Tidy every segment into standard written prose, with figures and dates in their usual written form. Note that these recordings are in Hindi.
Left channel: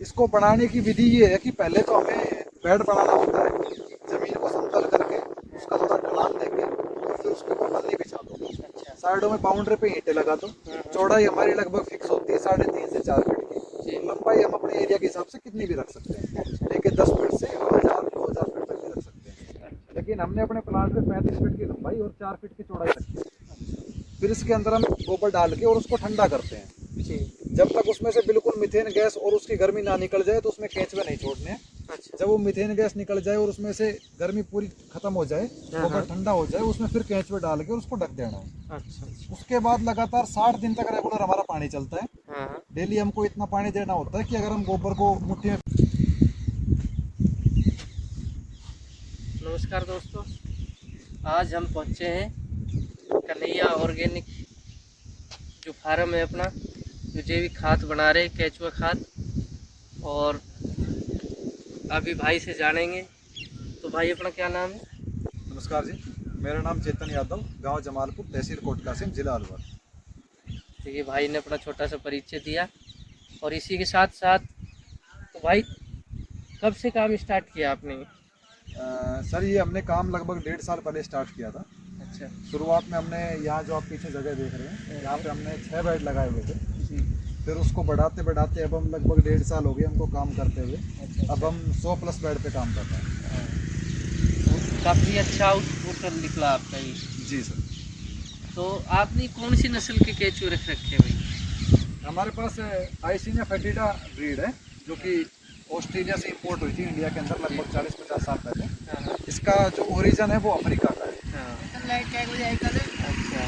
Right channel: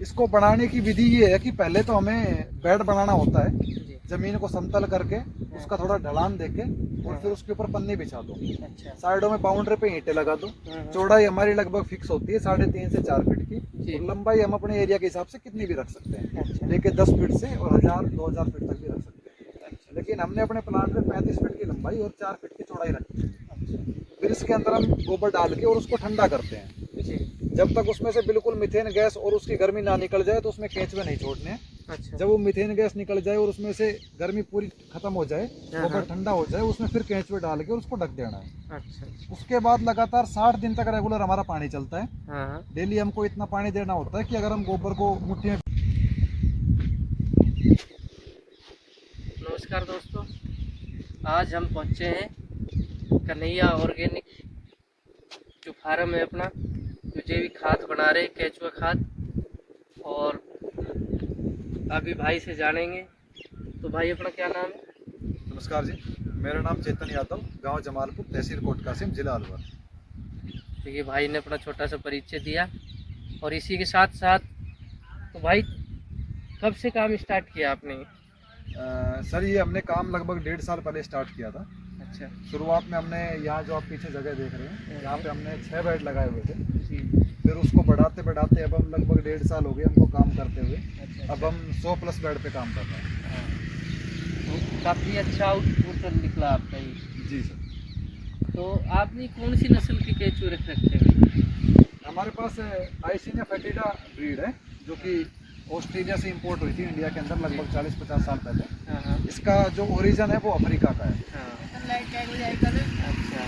इसको बनाने की विधि ये है कि पहले तो हमें बेड बनाना होता है। जमीन को समतल करके उसका थोड़ा ढलान देके और फिर उसके ऊपर पन्नी बिछा दो। अच्छा। साइडों में बाउंड्री पे ईंटें लगा दो। हाँ। चौड़ाई हमारी लगभग फिक्स होती है 3.5 से 4 फीट की। जी। और लंबाई हम अपने एरिया के हिसाब से कितनी भी रख सकते हैं, अच्छा। लेके 10 फीट से 2000 फीट तक भी रख सकते हैं। लेकिन हमने अपने प्लांट में 35 फीट की लंबाई और 4 फीट की चौड़ाई रखी है। फिर इसके अंदर हम गोबर डाल के और उसको ठंडा करते हैं। जी। जब तक उसमें से बिल्कुल मीथेन गैस और उसकी गर्मी ना निकल जाए तो उसमें केंचुए नहीं छोड़ने हैं। अच्छा। जब वो मीथेन गैस निकल जाए और उसमें से गर्मी पूरी खत्म हो जाए, गोबर ठंडा हो जाए, उसमें फिर केंचुए डाल के उसको ढक देना है। अच्छा। उसके बाद लगातार 60 दिन तक रेगुलर हमारा पानी चलता है। हाँ। डेली हमको इतना पानी देना होता है कि अगर हम गोबर को मुट्ठी में। नमस्कार दोस्तों, आज हम पहुंचे हैं कन्हैया ऑर्गेनिक जो फार्म है अपना, जो जैविक खाद बना रहे, केचुआ खाद। और अभी भाई से जानेंगे। तो भाई अपना क्या नाम है? नमस्कार जी, मेरा नाम चेतन यादव, गांव जमालपुर, तहसील कोट कासिम, जिला अलवर। तो ये भाई ने अपना छोटा सा परिचय दिया। और इसी के साथ साथ तो भाई कब से काम स्टार्ट किया आपने? सर ये हमने काम लगभग 1.5 साल पहले स्टार्ट किया था। अच्छा। शुरुआत में हमने यहाँ जो आप पीछे जगह देख रहे हैं, यहाँ पे हमने 6 बेड लगाए हुए थे। जी। फिर उसको बढ़ाते बढ़ाते अब हम लगभग 1.5 साल हो गए हमको काम करते हुए। अच्छा। अब हम 100+ बेड पे काम कर रहे हैं। हाँ। तो काफ़ी अच्छा आउटपुट निकला आपका ये। जी सर। तो आपने कौन सी नस्ल के केचुए रख रखे हैं? हमारे पास आइसिनिया फेटिडा ब्रीड है, जो कि ऑस्ट्रेलिया से इंपोर्ट हुई थी इंडिया के अंदर लगभग 40-50 साल पहले। हाँ। इसका जो ओरिजिन है वो अफ्रीका का है। हाँ। अच्छा।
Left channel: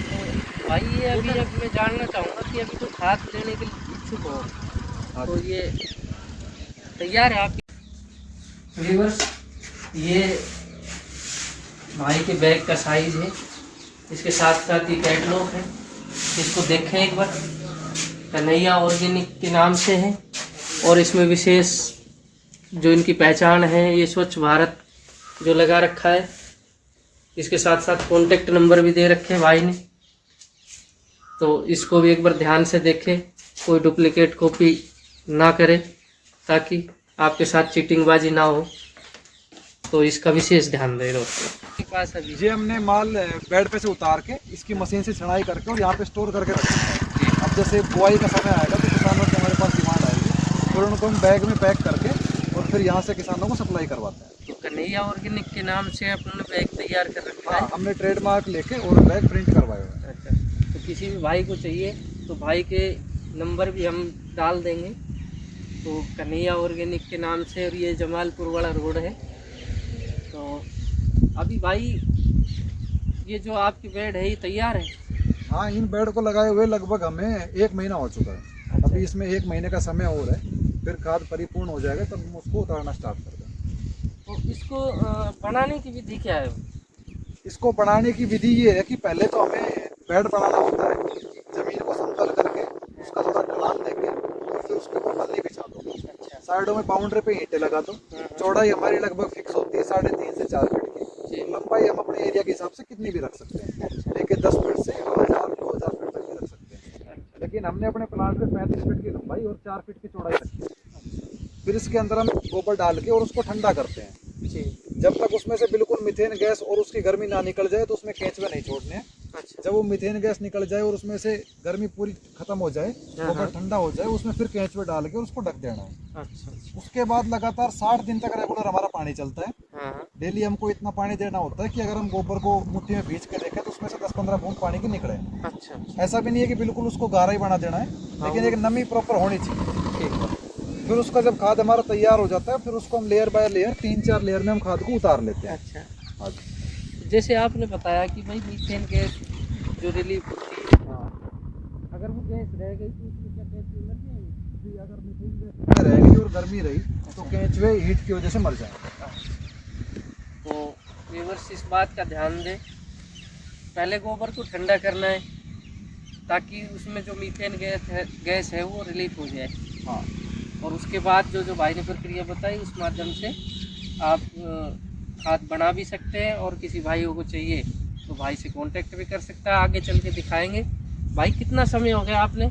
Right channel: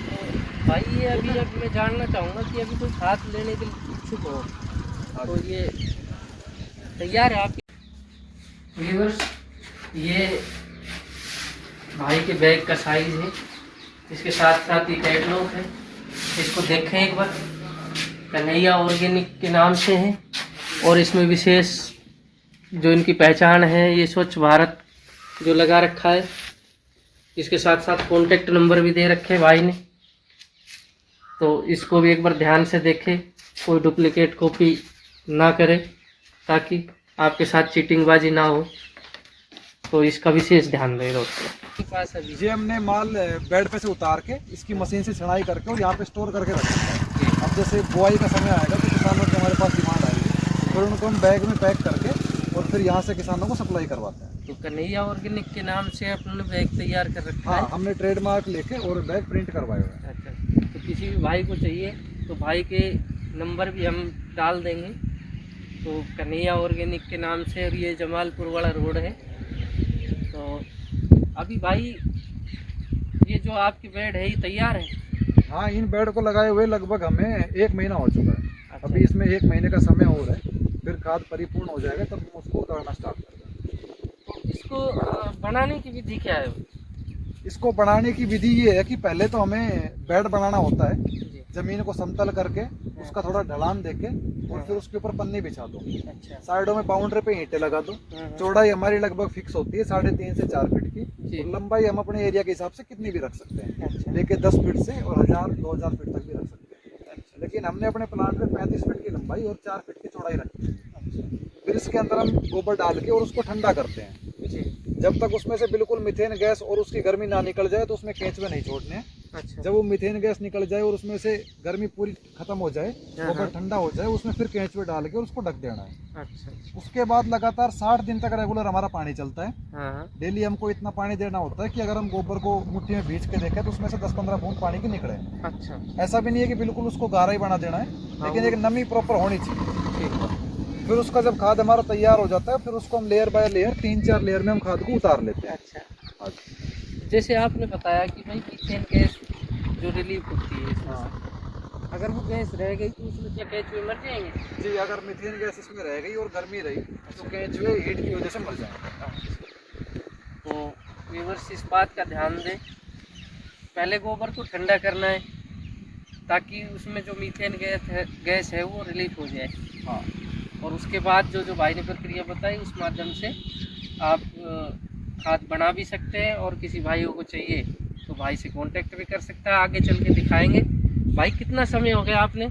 तो भाई ये अभी मैं जानना चाहूँगा कि अभी कोई खाद लेने के लिए इच्छुक हो तो ये तैयार है आपकी? व्यूअर्स, ये भाई के बैग का साइज है, इसके साथ साथ ये कैटलॉग है, इसको देखें एक बार। कन्हैया ऑर्गेनिक के नाम से है और इसमें विशेष जो इनकी पहचान है ये स्वच्छ भारत जो लगा रखा है। इसके साथ साथ कॉन्टेक्ट नंबर भी दे रखे हैं भाई ने, तो इसको भी एक बार ध्यान से देखें, कोई डुप्लीकेट कॉपी ना करें ताकि आपके साथ चीटिंगबाजी ना हो। तो इसका विशेष ध्यान दें दोस्तों। पास अभी ये हमने माल बेड पे से उतार के इसकी मशीन से छनाई करके और यहाँ पे स्टोर करके रखा है। अब जैसे बुआई का समय आएगा तो किसानों की हमारे पास डिमांड आएगी, फिर उनको हम बैग में पैक करके और फिर यहाँ से किसानों को सप्लाई करवाते हैं। तो कन्हैया ऑर्गेनिक के नाम से आपने बैग तैयार कर रखा है? हाँ, हमने ट्रेडमार्क लेके और बैग प्रिंट करवाए हुए हैं। अच्छा। तो किसी भी भाई को चाहिए तो भाई के नंबर भी हम डाल देंगे। तो कन्हैया ऑर्गेनिक के नाम से, और ये जमालपुर वाला रोड है। तो अभी भाई ये जो आपकी बेड है ये तैयार है? हाँ, इन बेड को लगाए हुए लगभग हमें 1 महीना हो चुका है। अच्छा। अभी इसमें 1 महीने का समय और है, फिर खाद परिपूर्ण हो जाएगा तब हम उसको उतारना स्टार्ट कर देंगे। तो इसको बनाने की विधि क्या है? इसको बनाने की विधि ये है कि पहले तो हमें बेड बनाना होता है। जमीन को समतल करके उसका थोड़ा ढलान देके और फिर उसके ऊपर पन्नी बिछा दो। अच्छा। साइडों में बाउंड्री पे ईंटें लगा दो। हाँ। चौड़ाई हमारी लगभग फिक्स होती है 3.5 से 4 फीट की। जी। लंबाई हम अपने एरिया के हिसाब से कितनी भी रख सकते हैं, अच्छा। लेके 10 फीट से 2000 फीट तक भी रख सकते हैं। लेकिन हमने अपने प्लांट में 35 फीट की लंबाई और 4 फीट की चौड़ाई रखी है। फिर इसके अंदर हम गोबर डाल के और उसको ठंडा करते हैं। जी। जब तक उसमें से बिल्कुल मीथेन गैस और उसकी गर्मी ना निकल जाए तो उसमें केंचुए नहीं छोड़ने हैं। अच्छा। जब वो मीथेन गैस निकल जाए और उसमें से गर्मी पूरी खत्म हो जाए, गोबर ठंडा हो जाए, उसमें फिर केंचुए डाल के और उसको ढक देना है। अच्छा। उसके बाद लगातार 60 दिन तक रेगुलर हमारा पानी चलता है। हाँ। डेली हमको इतना पानी देना होता है कि अगर हम गोबर को मुट्ठी में भीज के देखें तो उसमें से 10-15 बूंद पानी की निकले। अच्छा। ऐसा भी नहीं है कि बिल्कुल उसको गाढ़ा ही बना देना है, लेकिन एक नमी प्रॉपर होनी चाहिए। ठीक है। फिर उसका जब खाद हमारा तैयार हो जाता है, फिर उसको हम लेयर बाय लेयर 3-4 लेयर में हम खाद को उतार लेते हैं। अच्छा। जैसे आपने बताया कि भाई मीथेन गैस जो रिलीफ होती है, अगर वो गैस रह गई तो उसमें क्या केचुए मर जाएंगे? जी, अगर मीथेन गैस इसमें रह गई और गर्मी रही तो केंचुए हीट की वजह से मर जाएंगे। तो व्यूअर्स इस बात का ध्यान दें, पहले गोबर को ठंडा करना है ताकि उसमें जो मीथेन गैस है वो रिलीफ हो जाए। हाँ। और उसके बाद जो भाई ने प्रक्रिया बताई उस माध्यम से आप खाद बना भी सकते हैं। और किसी भाइयों को चाहिए तो भाई से कांटेक्ट भी कर सकता है, आगे चल के दिखाएंगे। भाई कितना समय हो गया आपने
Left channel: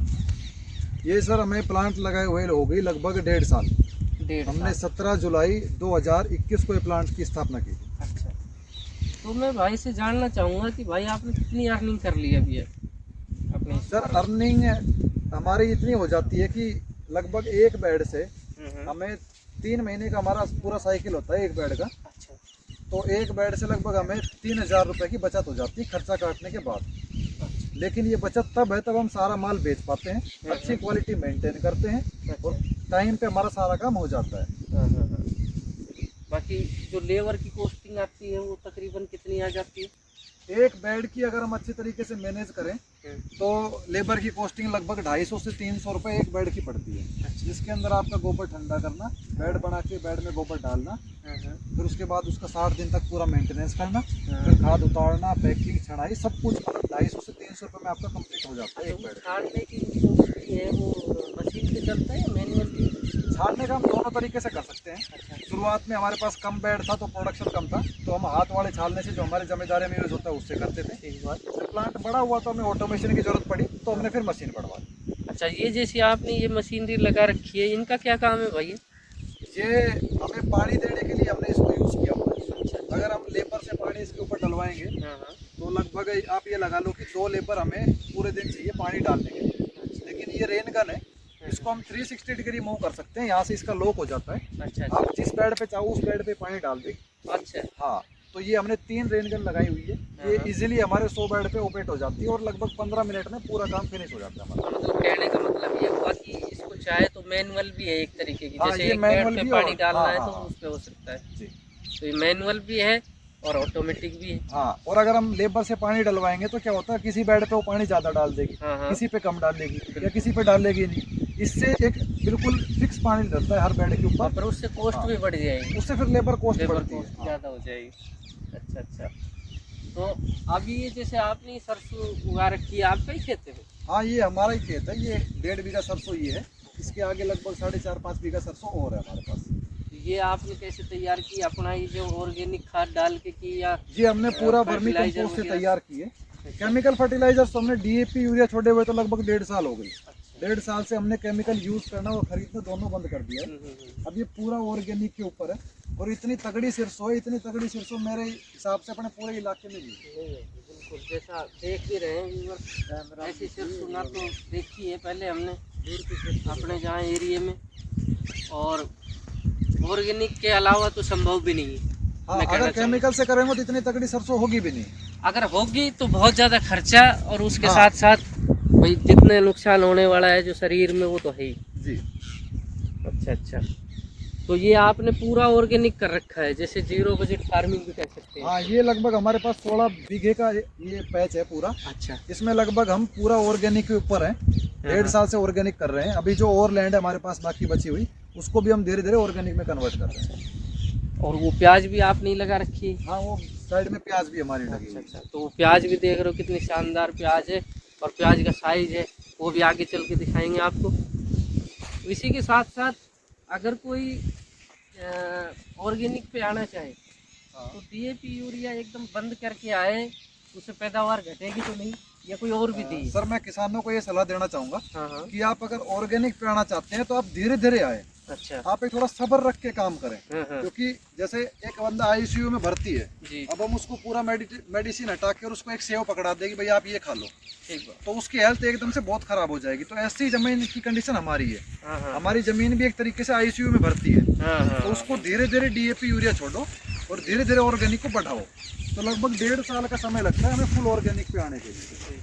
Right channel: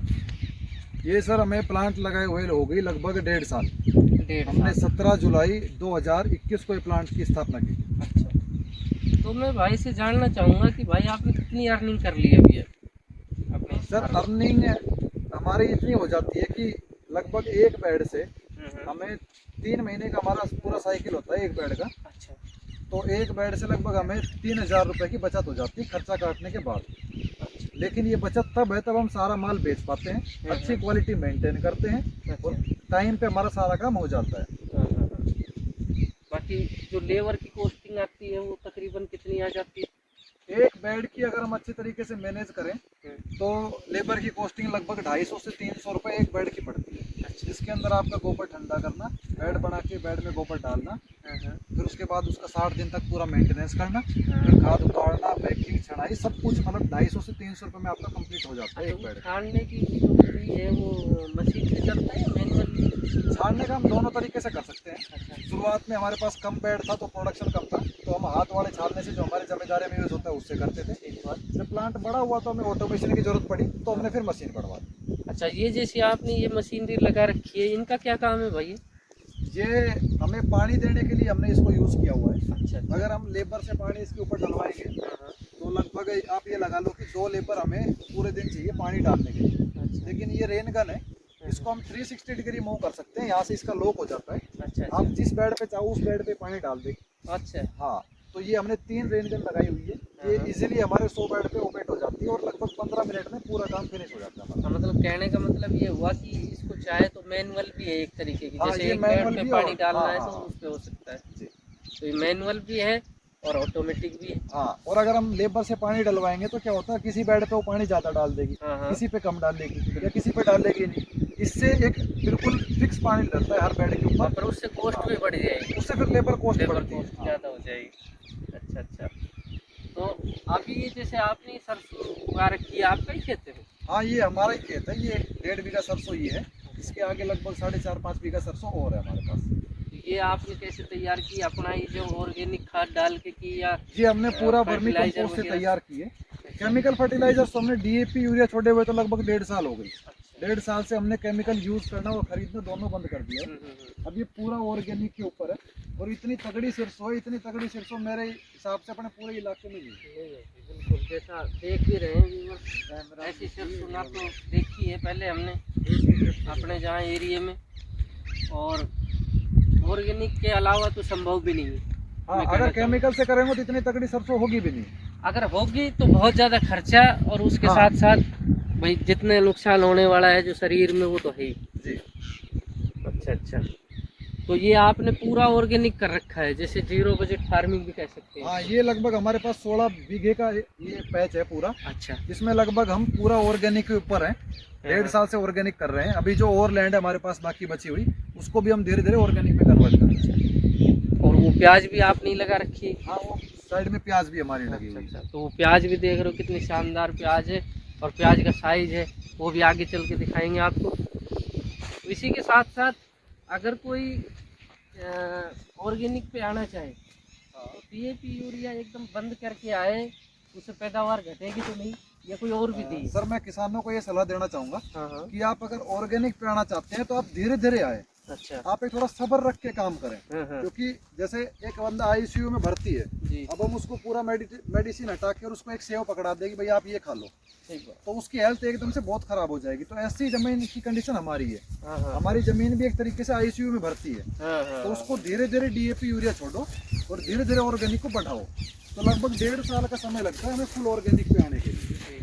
ये सर हमें प्लांट लगाए हुए हो गई लगभग 1.5 साल। 1.5 हमने साल। 17 जुलाई 2021 को ये प्लांट की स्थापना की थी। अच्छा, तो मैं भाई से जानना चाहूँगा कि भाई आपने कितनी अर्निंग कर ली अभी अपने इस सर फार्म से? अर्निंग हमारी इतनी हो जाती है कि लगभग एक बेड से हमें 3 महीने का हमारा पूरा साइकिल होता है एक बेड का। अच्छा। तो एक बेड से लगभग हमें 3000 रुपये की बचत हो जाती है खर्चा काटने के बाद। लेकिन ये बचत तब है तब हम सारा माल बेच पाते हैं, अच्छी क्वालिटी मेंटेन करते हैं और टाइम पे हमारा सारा काम हो जाता है। बाकी जो लेबर की कॉस्टिंग आती है वो तकरीबन कितनी आ जाती है? एक बेड की अगर हम अच्छी तरीके से मैनेज करें तो लेबर की कॉस्टिंग लगभग 250 से 300 रुपये एक बेड की पड़ती है। जिसके अंदर आपका गोबर ठंडा करना, बेड बना के बेड में गोबर डालना, फिर उसके बाद उसका 60 दिन तक पूरा मेंटेनेंस करना, फिर खाद उतारना, पैकिंग, छड़ाई, सब कुछ मतलब 250 से 300 रुपये में आपका कंप्लीट हो जाता है एक बेड। छानने की जो विधि है वो मशीन से चलता है या मैनुअली? छानने का हम दोनों तरीके से कर सकते हैं। अच्छा। शुरुआत में हमारे पास कम बेड था तो प्रोडक्शन कम था, तो हम हाथ वाले छानने से जो हमारे जिम्मेदारी में यूज होता है उससे करते थे। ठीक बात। फिर प्लांट बड़ा हुआ तो हमें ऑटोमेशन की जरूरत पड़ी तो हमने फिर मशीन बढ़वा दी। अच्छा, ये जैसे आपने ये मशीनरी लगा रखी है, इनका क्या काम है भाई? ये हमें पानी देने के लिए हमने इसको यूज किया हुआ है। अच्छा। अगर हम लेबर से पानी इसके ऊपर डलवाएंगे हाँ। तो लगभग आप ये लगा लो कि 2 लेबर हमें पूरे दिन चाहिए पानी डालने के लिए। अच्छा। लेकिन ये रेन गन है, इसको हम 360 डिग्री मूव कर सकते हैं। यहाँ से इसका लॉक हो जाता है, अच्छा। आप जिस बेड पे चाहो उस बेड पे पानी डाल देंगे। अच्छा। हाँ, तो ये हमने 3 रेन गन लगाई हुई है। ये हाँ। इजीली हमारे 100 बेड पे ऑपरेट हो जाती है और लगभग 15 मिनट में पूरा काम फिनिश हो जाता है हमारा। मतलब कहने का मतलब ये हुआ कि इसको चाहे तो मैनुअल भी है एक तरीके की, हाँ, जैसे ये एक बेड मैनुअल पे भी पानी और- डालना हाँ, है हाँ, तो हाँ। उस पे हो सकता है। जी। तो ये मैनुअल भी है और ऑटोमेटिक भी है। हाँ, और अगर हम लेबर से पानी डलवाएंगे तो क्या होता है, किसी बेड पे वो पानी ज़्यादा डाल देगी, हाँ, हाँ। किसी पे कम डाल देगी या किसी पे डालेगी नहीं। इससे एक बिल्कुल फिक्स पानी डलता है हर बेड के ऊपर, पर उससे कॉस्ट भी बढ़ जाएगी, उससे फिर लेबर कॉस्ट लेबर बढ़ती है। कॉस्ट ज़्यादा हो जाएगी। अच्छा अच्छा। तो अभी ये जैसे आपने सरसों उगा रखी है, आपका ही खेत है वो? हाँ, ये हमारा ही खेत है। ये 1.5 बीघा सरसों ये है, इसके आगे लगभग 4.5-5 बीघा सरसों और है हमारे पास। ये आपने कैसे तैयार की अपना, ये जो ऑर्गेनिक खाद डाल के की या ये हमने पूरा वर्मी fertilizer कंपोस्ट से वगैरह? तैयार किए। केमिकल फर्टिलाइजर तो हमने डीएपी यूरिया छोड़े हुए तो लगभग 1.5 साल हो गई। 1.5 साल से हमने केमिकल यूज करना और खरीदना दोनों बंद कर दिया है। अब ये पूरा ऑर्गेनिक के ऊपर है और इतनी तगड़ी सरसों है, इतनी तगड़ी सरसों मेरे हिसाब से अपने पूरे इलाके में भी बिल्कुल जैसा देख ही रहे हैं ऐसी सरसों ना तो देखी है पहले हमने अपने जहाँ एरिया में, और ऑर्गेनिक के अलावा तो संभव भी नहीं है। हाँ, मैं कहना अगर चाहूँ। केमिकल से करेंगे तो इतनी तगड़ी सरसों होगी भी नहीं। अगर होगी तो बहुत ज़्यादा खर्चा और उसके हाँ। साथ साथ भाई जितने नुकसान होने वाला है जो शरीर में वो तो है ही। जी। अच्छा अच्छा। तो ये आपने पूरा ऑर्गेनिक कर रखा है, जैसे जीरो बजट फार्मिंग भी कह सकते हैं। हाँ, ये लगभग हमारे पास 16 बीघे का ये पैच है पूरा। अच्छा। इसमें लगभग हम पूरा ऑर्गेनिक के ऊपर हैं। 1.5 साल से ऑर्गेनिक कर रहे हैं। अभी जो और लैंड है हमारे पास बाकी बची हुई, उसको भी हम धीरे धीरे ऑर्गेनिक में कन्वर्ट कर रहे हैं। और वो प्याज भी आपने ही लगा रखी है? हाँ, वो साइड में प्याज भी हमारी लगी हुई है। अच्छा, तो वो प्याज भी देख रहे हो कितनी शानदार प्याज है, और प्याज का साइज है वो भी आगे चल के दिखाएंगे आपको। इसी के साथ साथ अगर कोई ऑर्गेनिक पे आना चाहे तो डीएपी यूरिया एकदम बंद करके आए, उससे पैदावार घटेगी तो नहीं, या कोई और विधि है? सर, मैं किसानों को ये सलाह देना चाहूँगा हाँ। कि आप अगर ऑर्गेनिक पे आना चाहते हैं तो आप धीरे धीरे आए। अच्छा। आप एक थोड़ा सब्र रख के काम करें। हाँ। क्योंकि जैसे एक बंदा आईसीयू में भर्ती है, जी। अब हम उसको पूरा मेडिसिन हटा के और उसको एक सेव पकड़ा देगी, भाई आप ये खा लो, ठीक बात। तो उसकी हेल्थ एकदम से बहुत खराब हो जाएगी। तो ऐसी जमीन की कंडीशन हमारी है। हाँ। हमारी जमीन भी एक तरीके से आईसीयू में भर्ती है। हाँ। तो उसको धीरे धीरे डीएपी यूरिया छोड़ो और धीरे धीरे ऑर्गेनिक को बढ़ाओ। तो लगभग 1.5 साल का समय लगता है हमें फुल ऑर्गेनिक पे आने के लिए।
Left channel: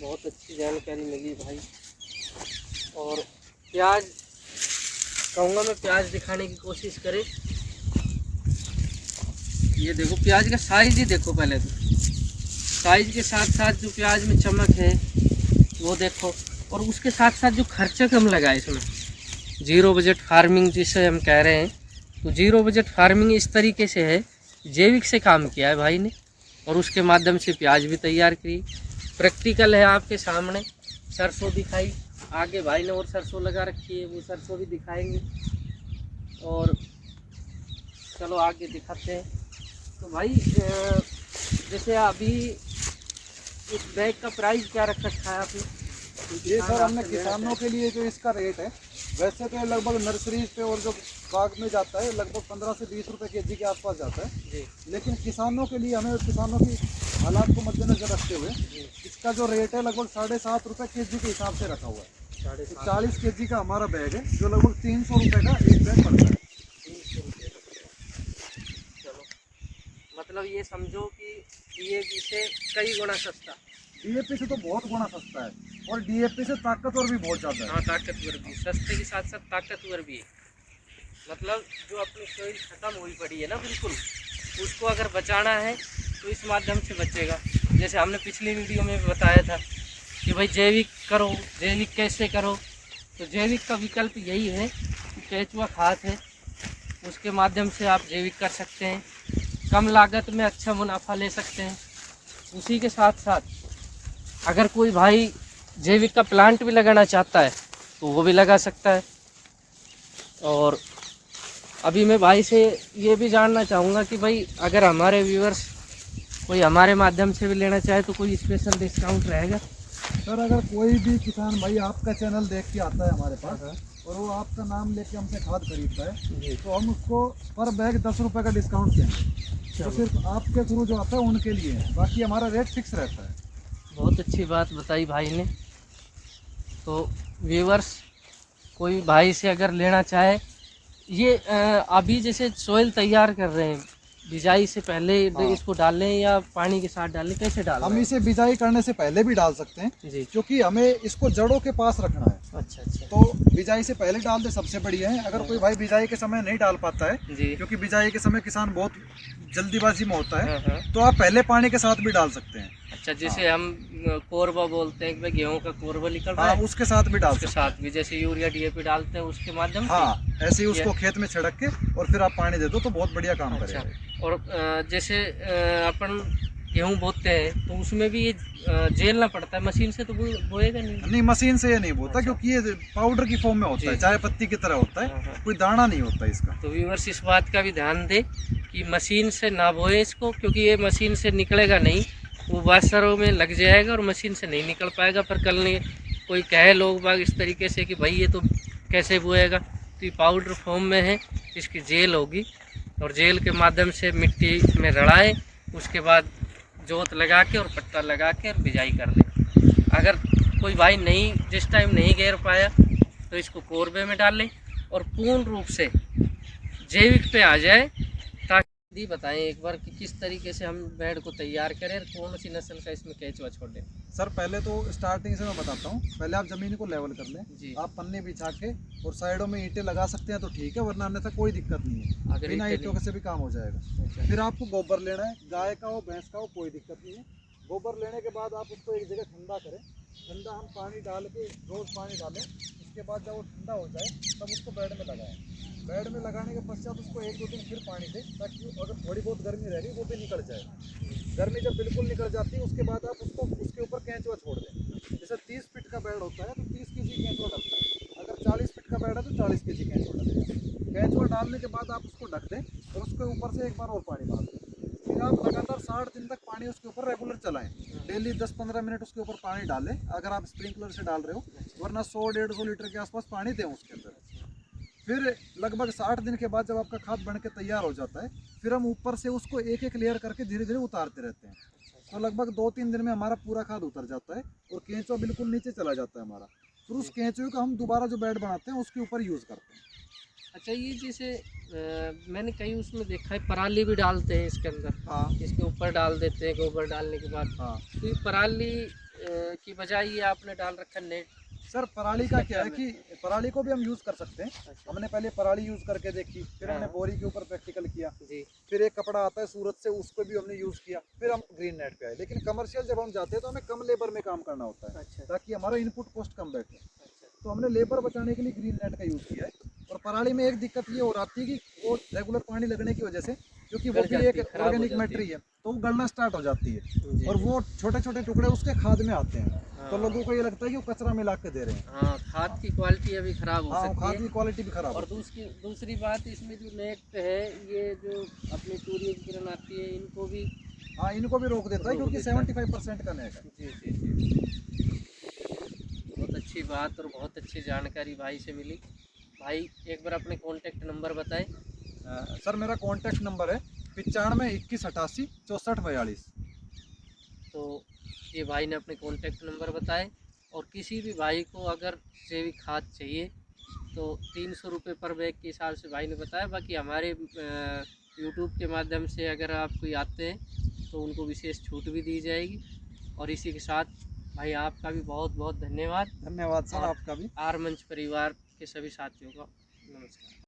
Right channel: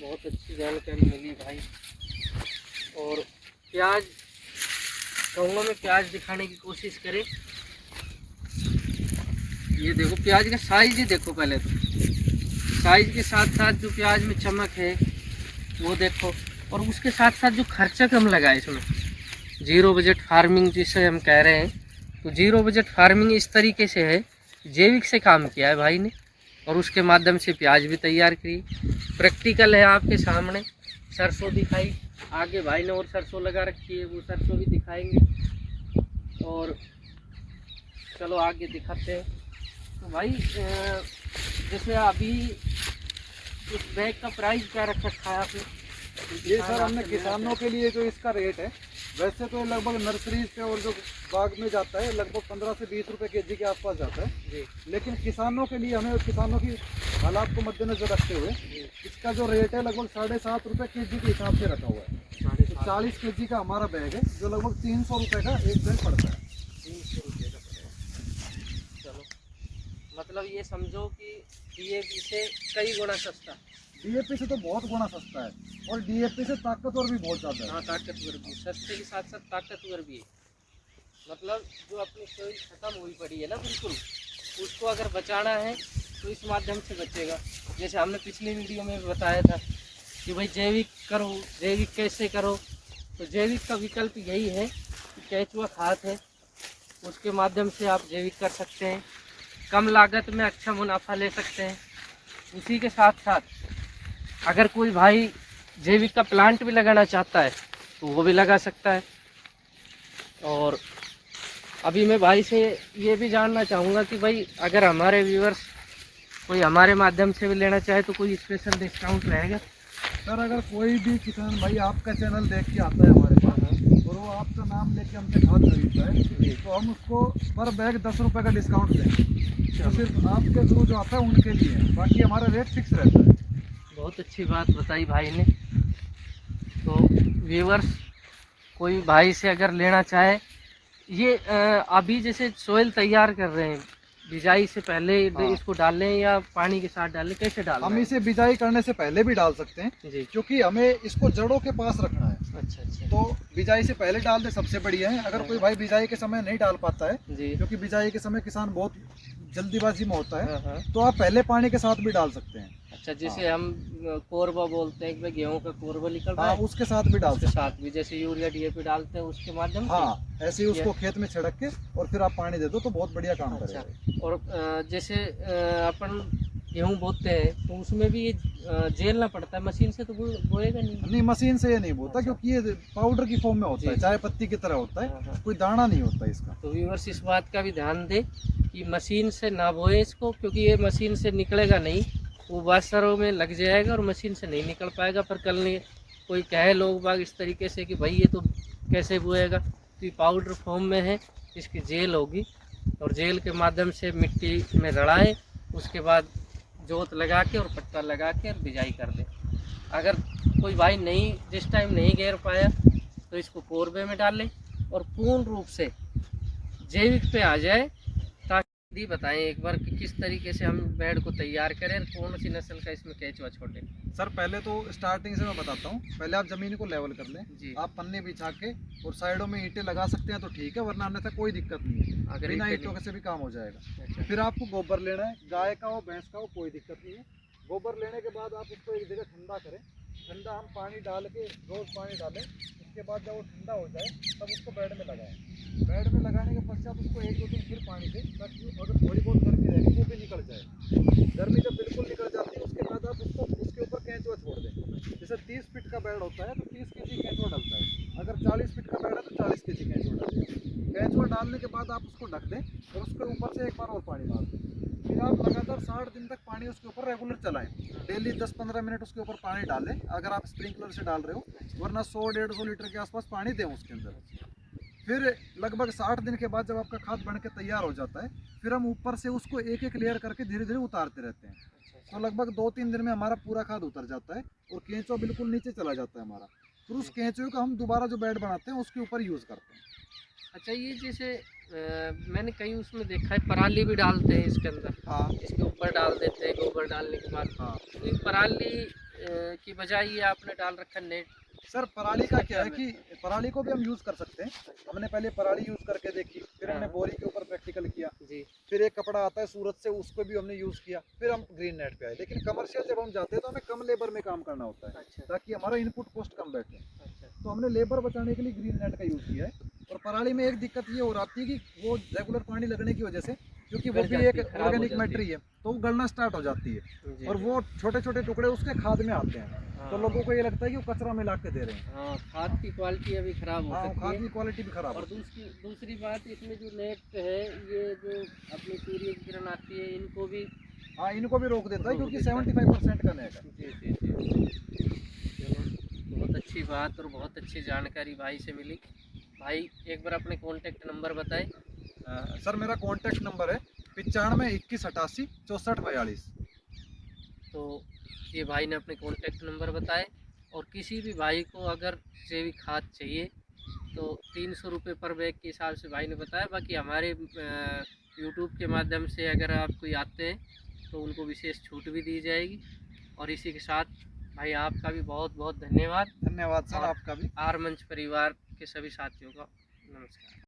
बहुत अच्छी जानकारी मिली भाई। और प्याज कहूँगा मैं, प्याज दिखाने की कोशिश करें। ये देखो प्याज का साइज ही देखो, पहले तो साइज के साथ साथ जो प्याज में चमक है वो देखो, और उसके साथ साथ जो खर्चा कम लगा है इसमें, जीरो बजट फार्मिंग जिसे हम कह रहे हैं। तो जीरो बजट फार्मिंग इस तरीके से है, जैविक से काम किया है भाई ने, और उसके माध्यम से प्याज भी तैयार की। प्रैक्टिकल है आपके सामने। सरसों दिखाई, आगे भाई ने और सरसों लगा रखी है, वो सरसों भी दिखाएंगे। और चलो आगे दिखाते हैं। तो भाई जैसे अभी इस बैग का प्राइस क्या रख रखा है आपने? ये सर हमने किसानों के लिए जो इसका रेट है, वैसे तो लगभग नर्सरीज पे और जो बाग में जाता है लगभग 15 से 20 रुपए केजी के आसपास जाता है। जी लेकिन किसानों के लिए हमें किसानों की हालात को मद्देनजर रखते हुए इसका जो रेट है लगभग 7.5 रुपए केजी के हिसाब से रखा हुआ है। तो 40 केजी का हमारा बैग है जो लगभग 300 रुपए का एक बैग पड़ता है। 300 रुपये का पड़ेगा। चलो मतलब ये समझो कि DAP से कई गुना सस्ता। DAP से तो बहुत गुना सस्ता है और DAP से ताकतवर भी बहुत ज़्यादा है। हाँ ताकतवर भी, सस्ते के साथ साथ ताकतवर भी है। मतलब जो अपनी सोइल ख़त्म हुई पड़ी है ना बिल्कुल, उसको अगर बचाना है तो इस माध्यम से बचेगा। जैसे हमने पिछली वीडियो में भी बताया था कि भाई जैविक करो, जैविक कैसे करो। तो जैविक का विकल्प यही है कि केंचुआ खाद है, उसके माध्यम से आप जैविक कर सकते हैं, कम लागत में अच्छा मुनाफा ले सकते हैं। उसी के साथ साथ अगर कोई भाई जैविक का प्लांट भी लगाना चाहता है तो वो भी लगा सकता है। और अभी मैं भाई से ये भी जानना चाहूँगा कि भाई अगर हमारे व्यूअर्स कोई हमारे माध्यम से भी लेना चाहे तो कोई स्पेशल डिस्काउंट रहेगा? सर अगर कोई भी किसान भाई आपका चैनल देख के आता है हमारे पास और वो आपका नाम लेके हमसे खाद खरीदता है तो हम उसको पर बैग 10 रुपये का डिस्काउंट देंगे। तो सिर्फ आपके थ्रू जो आता है उनके लिए है, बाकी हमारा रेट फिक्स रहता है। बहुत अच्छी बात बताई भाई ने। तो व्यूअर्स कोई भाई से अगर लेना चाहे, ये अभी जैसे सोइल तैयार कर रहे हैं, बिजाई से पहले हाँ। इसको डाल लें या पानी के साथ डालें, कैसे डालें? हम इसे बिजाई करने से पहले भी डाल सकते हैं जी। क्योंकि हमें इसको जड़ों के पास रखना है। अच्छा अच्छा। तो बिजाई से पहले डाल दे सबसे बढ़िया है। अगर कोई भाई बिजाई के समय नहीं डाल पाता है जी। क्योंकि बिजाई के समय किसान बहुत जल्दीबाजी में होता है हाँ। तो आप पहले पानी के साथ भी डाल सकते हैं। अच्छा, जैसे हम कोरबा बोलते हैं कि भाई गेहूं का कोरबा निकल रहा हाँ है, उसके साथ भी डाल उसके सकते हैं। साथ भी जैसे यूरिया DAP डालते हैं उसके माध्यम से। हाँ ऐसे ही उसको खेत में छिड़क के और फिर आप पानी दे दो तो बहुत बढ़िया काम अच्छा। करेगा। और जैसे अपन गेहूं बोते हैं तो उसमें भी ये झेलना पड़ता है, मशीन से तो बोएगा नहीं? नहीं मशीन से ये नहीं बोता क्योंकि ये पाउडर की फॉर्म में होता है, जी। चाय पत्ती की तरह होता है, हाँ। कोई दाना नहीं होता इसका। तो व्यूअर्स इस बात का भी ध्यान दे कि मशीन से ना बोए इसको, क्योंकि ये मशीन से निकलेगा नहीं, वो बासरों में लग जाएगा और मशीन से नहीं निकल पाएगा। पर कल नहीं कोई कहे लोग बाग इस तरीके से कि भाई ये तो कैसे बोएगा, तो ये पाउडर फॉर्म में है, इसकी जेल होगी और जेल के माध्यम से मिट्टी में रड़ाए, उसके बाद जोत लगा के और पट्टा लगा के और बिजाई कर दे। अगर कोई भाई नहीं जिस टाइम नहीं घेर पाया तो इसको कोरबे में डालें और पूर्ण रूप से जैविक पे आ जाए। ताकि बताएं एक बार कि किस तरीके से हम बेड को तैयार करें और कौन सी नस्ल का इसमें केंचुआ छोड़ें। सर पहले तो स्टार्टिंग से मैं बताता हूँ। पहले आप जमीन को लेवल कर लें, जी। आप पन्ने बिछा के और साइडों में ईंटें लगा सकते हैं तो ठीक है, वरना अन्यथा कोई दिक्कत नहीं है, अगर बिना ईंटें ईंटों से भी काम हो जाएगा। अच्छा। फिर आपको गोबर लेना है, गाय का हो भैंस का हो कोई दिक्कत नहीं है। गोबर लेने के बाद आप उसको एक जगह ठंडा करें, ठंडा हम पानी डाल के रोज़ पानी डालें, उसके बाद जब वो ठंडा हो जाए तब उसको बेड में लगाएं। बेड में लगाने के पश्चात उसको 1-2 दिन फिर पानी दें ताकि अगर थोड़ी बहुत गर्मी रहेगी वो भी निकल जाए। गर्मी जब बिल्कुल निकल जाती है उसके बाद आप उसको उसके ऊपर केंचुआ छोड़ दें। जैसे 30 फीट का बेड होता है तो 30 केजी केंचुआ डलता है, अगर 40 फीट का बेड है तो 40 केजी केंचुआ डलता है। केंचुआ डालने के बाद आप उसको ढक दें और उसके ऊपर से एक बार और पानी डाल दें। फिर आप लगातार 60 दिन तक पानी उसके ऊपर रेगुलर चलाएं, डेली 10-15 मिनट उसके ऊपर पानी डालें अगर आप स्प्रिंकलर से डाल रहे हो, वरना 100-150 लीटर के आसपास पानी दें उसके अंदर। फिर लगभग 60 दिन के बाद जब आपका खाद बन के तैयार हो जाता है फिर हम ऊपर से उसको एक एक लेयर करके धीरे धीरे उतारते रहते हैं। तो लगभग 2-3 दिन में हमारा पूरा खाद उतर जाता है और केंचुआ बिल्कुल नीचे चला जाता है हमारा। फिर उस केंचुए का हम दोबारा जो बेड बनाते हैं उसके ऊपर यूज़ करते हैं। अच्छा, ये जैसे मैंने कहीं उसमें देखा है पराली भी डालते हैं इसके अंदर। हाँ इसके ऊपर डाल देते हैं गोबर डालने के बाद। हाँ तो ये पराली की बजाय ये आपने डाल रखा नेट। सर पराली का क्या है कि पराली को भी हम यूज़ कर सकते हैं। हमने पहले पराली यूज़ करके देखी, फिर हमने बोरी के ऊपर प्रैक्टिकल किया, जी। फिर एक कपड़ा आता है सूरत से उसको भी हमने यूज़ किया, फिर हम ग्रीन नेट पे आए। लेकिन कमर्शियल जब हम जाते हैं तो हमें कम लेबर में काम करना होता है अच्छा ताकि हमारा इनपुट कॉस्ट कम बैठे। अच्छा। तो हमने लेबर बचाने के लिए ग्रीन नेट का यूज़ किया है। और पराली में एक दिक्कत ये हो जाती है कि वो रेगुलर पानी लगने की वजह से, क्योंकि वो भी एक ऑर्गेनिक मैट्री है तो वो गलना स्टार्ट हो जाती है और वो छोटे छोटे टुकड़े उसके खाद में आते हैं। तो लोगों को ये लगता है कि वो कचरा मिला के दे रहे हैं। हाँ, खाद की क्वालिटी अभी खराब हो सकती खाद है। की क्वालिटी भी खराब और दूसरी बात इसमें जो नेट है, ये जो अपनी सूर्य की किरण आती है इनको भी, हाँ इनको भी रोक देता है क्योंकि 75% का नेट है। जी जी जी। बहुत अच्छी बात और बहुत अच्छी जानकारी भाई से मिली। भाई एक बार अपने कॉन्टेक्ट नंबर बताएं। सर मेरा कॉन्टैक्ट नंबर है 95 21 88 64 42। तो ये भाई ने अपने कॉन्टेक्ट नंबर बताए। और किसी भी भाई को अगर जैविक खाद चाहिए तो 300 रुपये पर बैग के हिसाब से भाई ने बताया। बाकी हमारे यूट्यूब के माध्यम से अगर आप कोई आते हैं तो उनको विशेष छूट भी दी जाएगी। और इसी के साथ भाई आपका भी बहुत बहुत धन्यवाद। धन्यवाद सर और आपका भी। आर मंच परिवार के सभी साथियों का नमस्कार।